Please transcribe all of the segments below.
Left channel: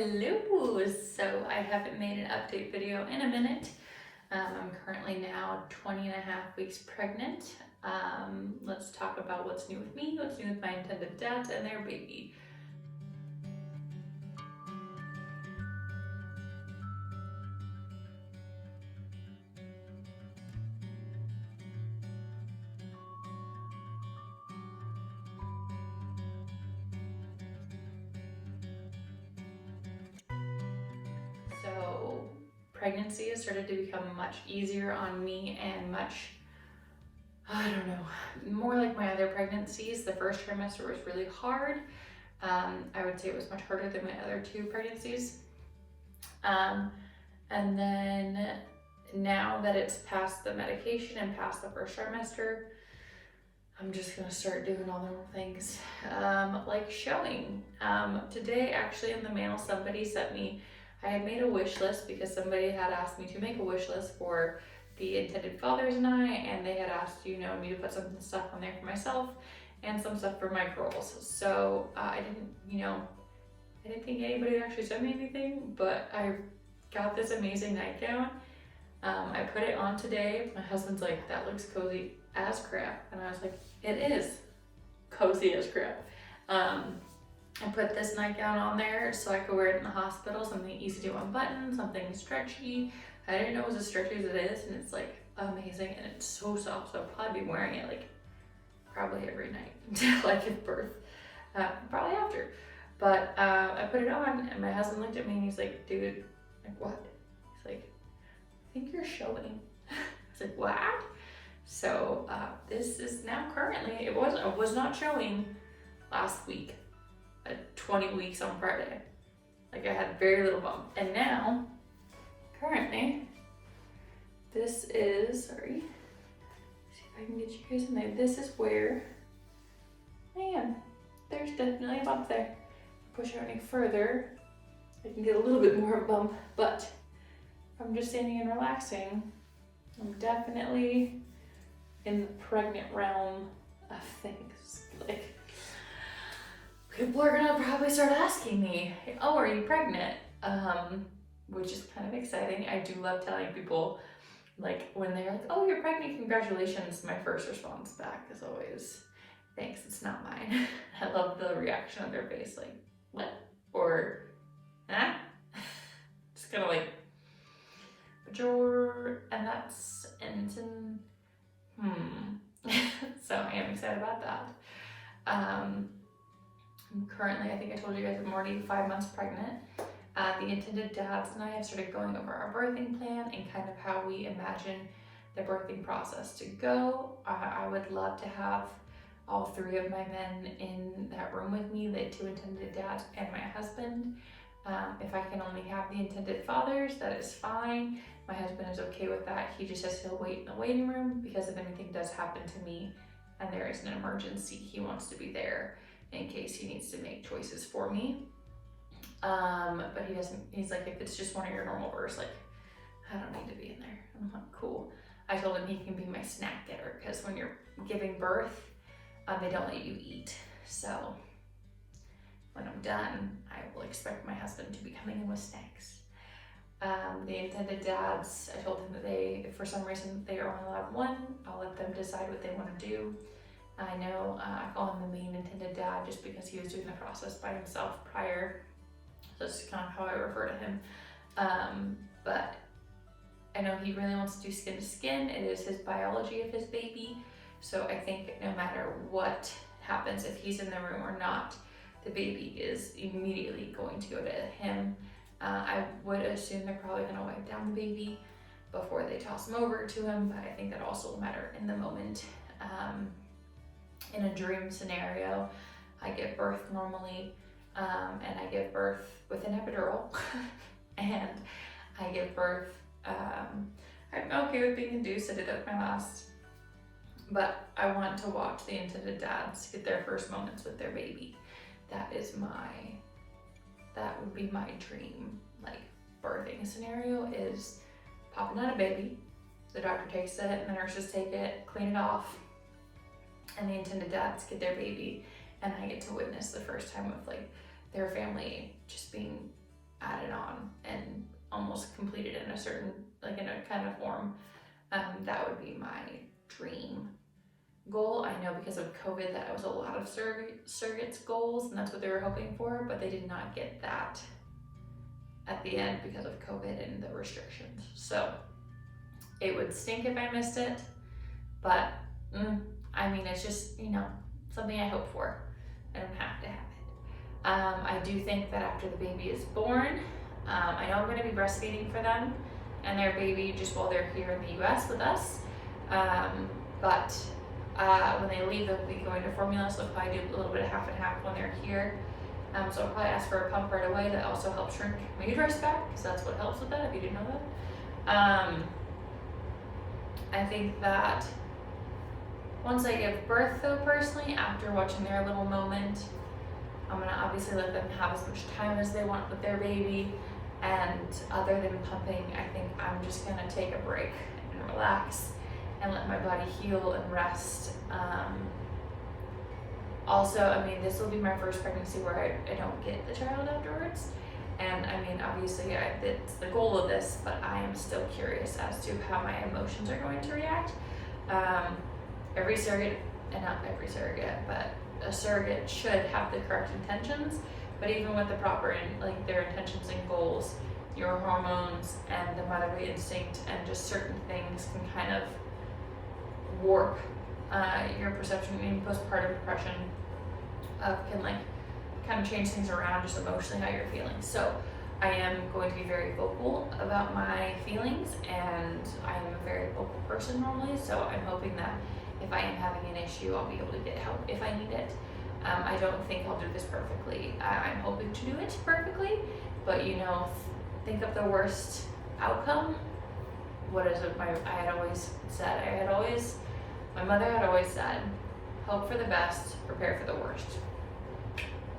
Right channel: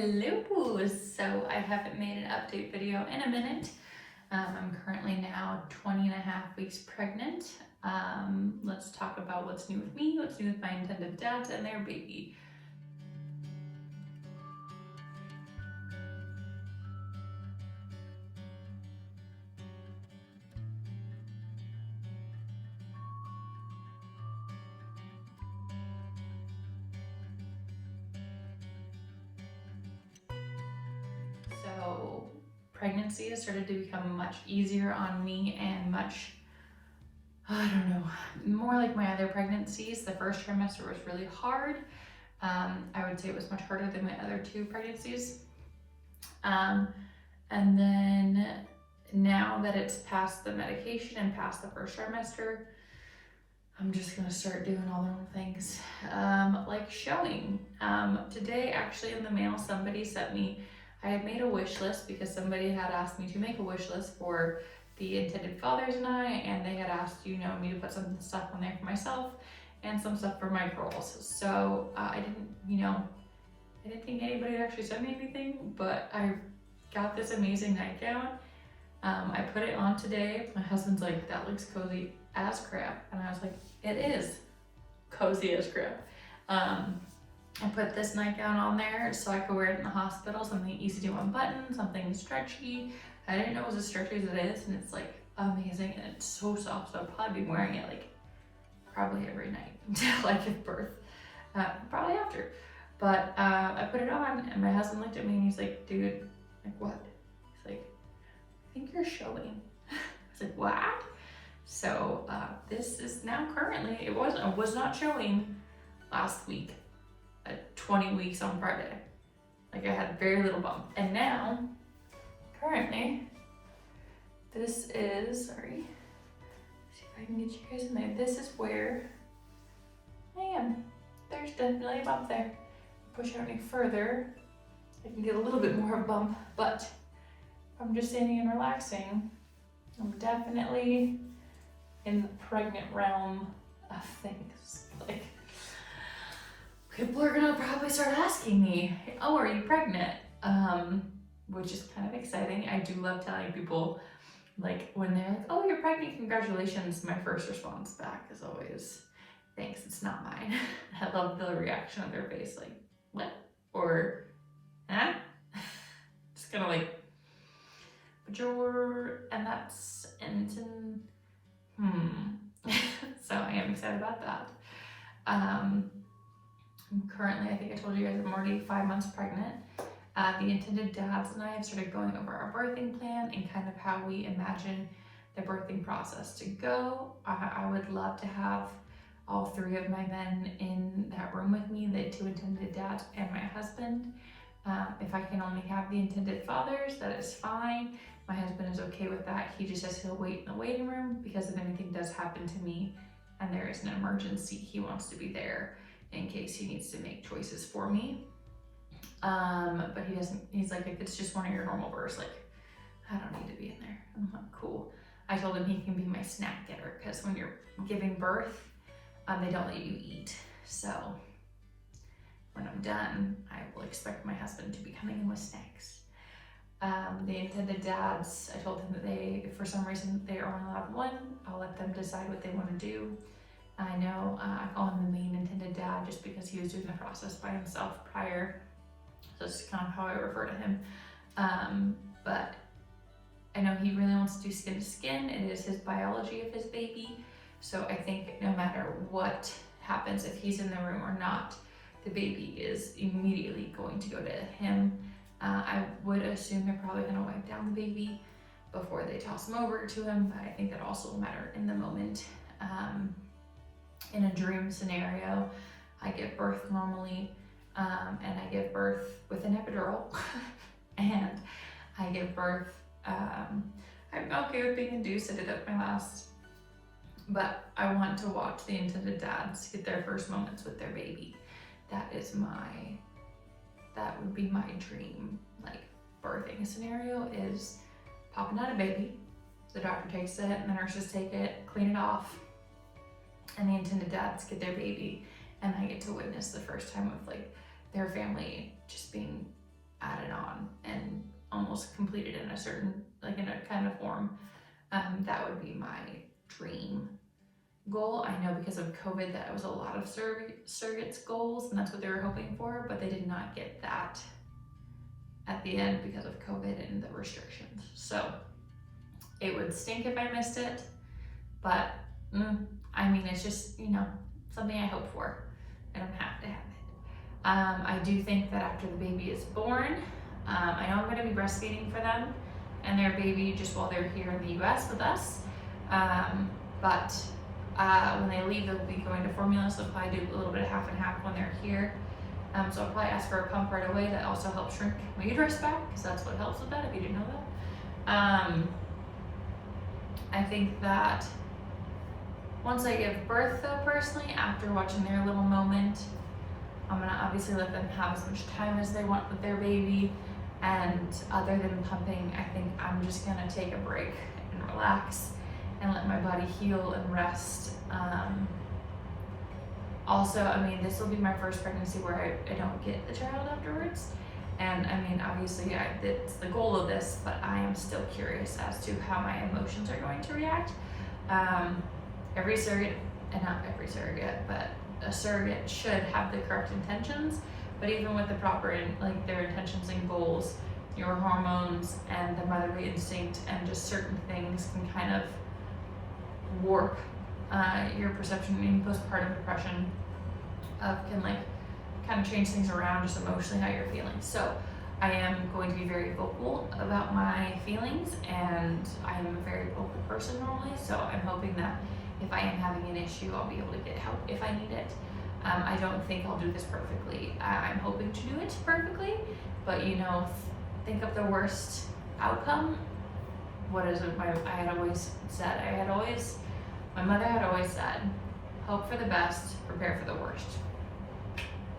Hello! So I haven't made an update video in a minute. I'm currently now 20 and a half weeks pregnant. Let's talk about what's new with me, what's new with my intended dads and their baby. So pregnancy has started to become much easier on me and much, I don't know, more like my other pregnancies. The first trimester was really hard. I would say it was much harder than my other two pregnancies. And then now that it's past the medication and past the first trimester, I'm just gonna start doing all the normal things, like showing. Today, actually in the mail, somebody sent me, I had made a wish list because somebody had asked me to make a wish list for the intended fathers and they had asked, me to put some stuff on there for myself and some stuff for my girls. So I didn't think anybody would actually send me anything, but I got this amazing nightgown. I put it on today. My husband's like, that looks cozy as crap. And I was like, it is cozy as crap. I put this nightgown on there so I could wear it in the hospital, something easy to unbutton, something stretchy. I didn't know it was as stretchy as it is, and it's like amazing and it's so soft, so I'll probably be wearing it like probably every night until I give birth, probably after. But I put it on and my husband looked at me and he's like, dude, like what? He's like, I think you're showing. I was like, what? So this is now currently, it was not showing last week at 20 weeks on Friday. Like I had very little bump. And now, currently, this is, sorry, see if I can get you guys in there. This is where I am. There's definitely a bump there. Push out any further, I can get a little bit more of a bump, but if I'm just standing and relaxing, I'm definitely in the pregnant realm of things. Like, people are gonna probably start asking me, oh, are you pregnant? Which is kind of exciting. I do love telling people, like, when they're like, oh, you're pregnant, congratulations. My first response back is always, thanks, it's not mine. I love the reaction on their face, like, what? Or, huh? Just kind of like, but and it's in, so I am excited about that. I'm currently, I think I told you guys, I'm already 5 months pregnant. The intended dads and I have started going over our birthing plan and kind of how we imagine the birthing process to go. I would love to have all three of my men in that room with me, the two intended dads and my husband. If I can only have the intended fathers, that is fine. My husband is okay with that. He just says he'll wait in the waiting room because if anything does happen to me and there is an emergency, he wants to be there in case he needs to make choices for me. But he doesn't, he's like, if it's just one of your normal births, like, I don't need to be in there. I'm like, cool. I told him he can be my snack getter because when you're giving birth, they don't let you eat. So when I'm done, I will expect my husband to be coming in with snacks. The intended dads, I told him that if for some reason they are only allowed one, I'll let them decide what they want to do. I know I call him the main intended dad just because he was doing the process by himself prior. So that's kind of how I refer to him. But I know he really wants to do skin to skin. It is his biology of his baby. So I think no matter what happens, if he's in the room or not, the baby is immediately going to go to him. I would assume they're probably gonna wipe down the baby before they toss him over to him, but I think that also will matter in the moment. In a dream scenario, I give birth normally, and I give birth with an epidural, and I give birth, I'm okay with being induced. I did that with my last, but I want to watch the intended dads get their first moments with their baby. That would be my dream, like, birthing scenario is popping out a baby, the doctor takes it and the nurses take it, clean it off, and the intended dads get their baby, and I get to witness the first time of like their family just being added on and almost completed in a certain, like in a kind of form. That would be my dream goal. I know because of COVID that was a lot of surrogates goals, and that's what they were hoping for, but they did not get that at the end because of COVID and the restrictions. So it would stink if I missed it, but I mean, it's just, you know, something I hope for. I don't have to have it. I do think that after the baby is born, I know I'm going to be breastfeeding for them and their baby just while they're here in the US with us. But when they leave, they'll be going to formula, so I'll probably do a little bit of half and half when they're here. So I'll probably ask for a pump right away. That also helps shrink my uterus back, because that's what helps with that, if you didn't know that. I think that once I give birth, though, personally, after watching their little moment, I'm gonna obviously let them have as much time as they want with their baby. And other than pumping, I think I'm just gonna take a break and relax and let my body heal and rest. Also, I mean, this will be my first pregnancy where I don't get the child afterwards. And I mean, obviously, it's the goal of this, but I am still curious as to how my emotions are going to react. Every surrogate, and not every surrogate, but a surrogate should have the correct intentions, but even with the proper, like their intentions and goals, your hormones and the motherly instinct and just certain things can kind of warp your perception. In postpartum depression can like kind of change things around just emotionally how you're feeling. So I am going to be very vocal about my feelings, and I'm a very vocal person normally, so I'm hoping that if I am having an issue, I'll be able to get help if I need it. I don't think I'll do this perfectly. I'm hoping to do it perfectly, but you know, think of the worst outcome. What is it? I had always said, my mother had always said, hope for the best, prepare for the worst.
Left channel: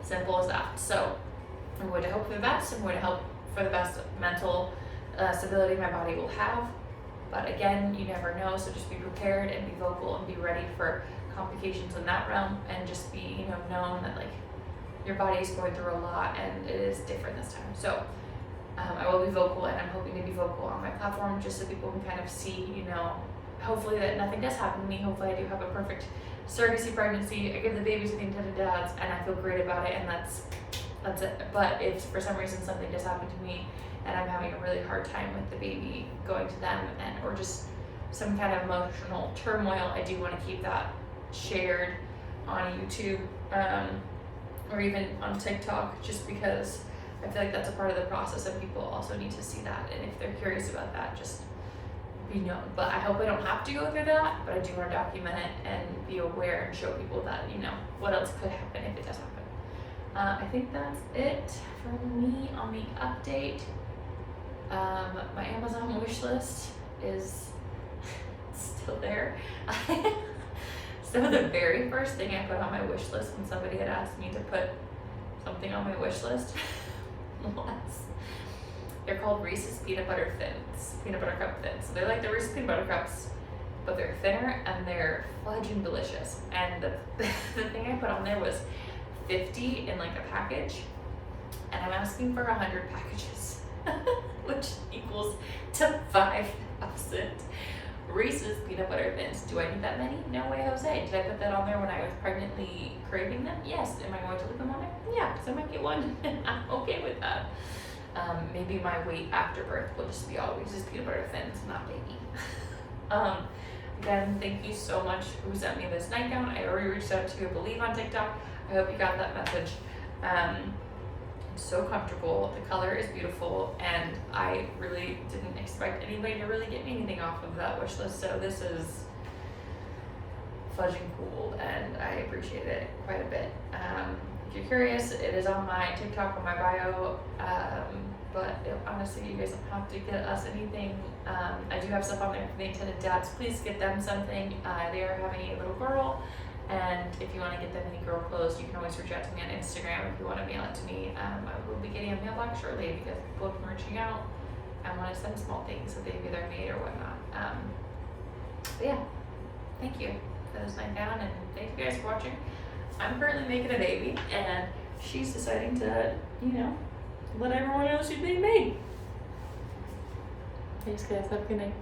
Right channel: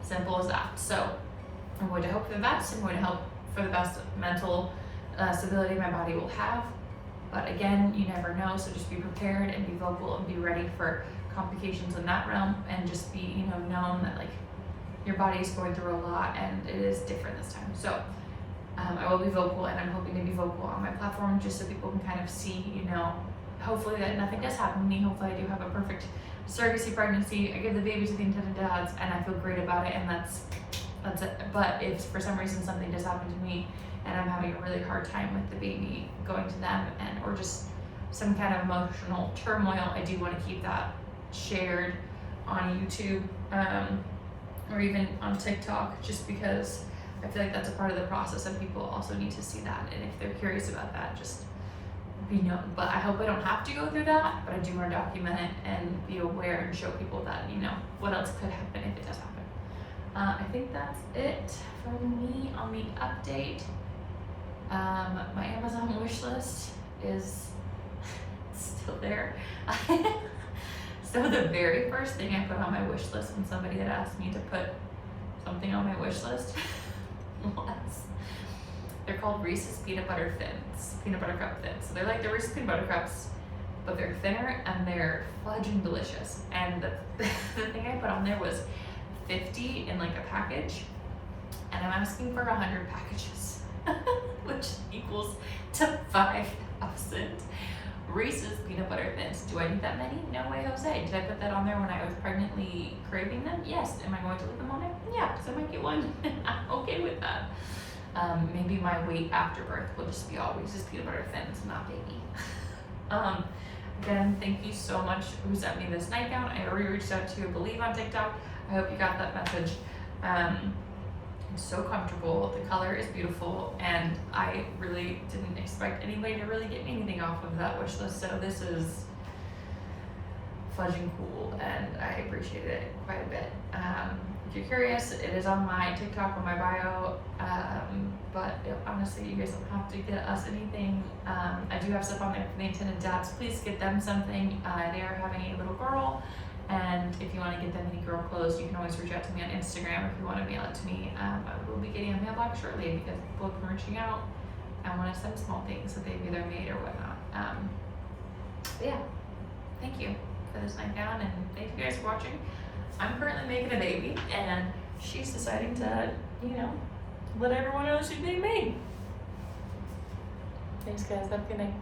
Simple as that. So I'm going to hope for the best. I'm going to hope for the best mental stability my body will have. But again, you never know, so just be prepared and be vocal and be ready for complications in that realm, and just be, you know, known that like your body is going through a lot and it is different this time. So I will be vocal, and I'm hoping to be vocal on my platform just so people can kind of see, you know, hopefully that nothing does happen to me. Hopefully I do have a perfect surrogacy pregnancy. I give the baby to the intended dads and I feel great about it, and that's it. But if for some reason something does happen to me and I'm having a really hard time with the baby going to them, and or just some kind of emotional turmoil, I do want to keep that shared on YouTube or even on TikTok, just because I feel like that's a part of the process and people also need to see that, and if they're curious about that, just be known. But I hope I don't have to go through that, but I do want to document it and be aware and show people that, you know, what else could happen if it does happen. I think that's it for me on the update. My Amazon wish list is still there. So the very first thing I put on my wish list when somebody had asked me to put something on my wish list was, they're called Reese's Peanut Butter Thins, Peanut Butter Cup Thins. So they're like the Reese's Peanut Butter Cups, but they're thinner and they're fudging delicious. And the thing I put on there was 50 in like a package, and I'm asking for 100 packages, which equals to 5,000 Reese's Peanut Butter Thins. Do I need that many? No way, Jose. Did I put that on there when I was pregnantly craving them? Yes. Am I going to leave them on there? Yeah, because I might get one. I'm okay with that. Maybe my weight after birth will just be all Reese's Peanut Butter Thins, not baby. Again, thank you so much who sent me this nightgown. I already reached out to Believe on TikTok. I hope you got that message. It's so comfortable, the color is beautiful, and I really didn't expect anybody to really get me anything off of that wish list, so this is fudging cool, and I appreciate it quite a bit. If you're curious, it is on my TikTok, on my bio, but honestly, you guys don't have to get us anything. I do have stuff on there for the intended dads. Please get them something. They are having a little girl, and if you want to get them any girl clothes, you can always reach out to me on Instagram if you want to mail it to me. I will be getting a mailbox shortly because people have been reaching out. I want to send small things that they've either made or whatnot. But yeah, thank you for this nightgown, and thank you guys for watching. I'm currently making a baby, and she's deciding to, you know, when everyone knows she's being made. Thanks guys, have a good night.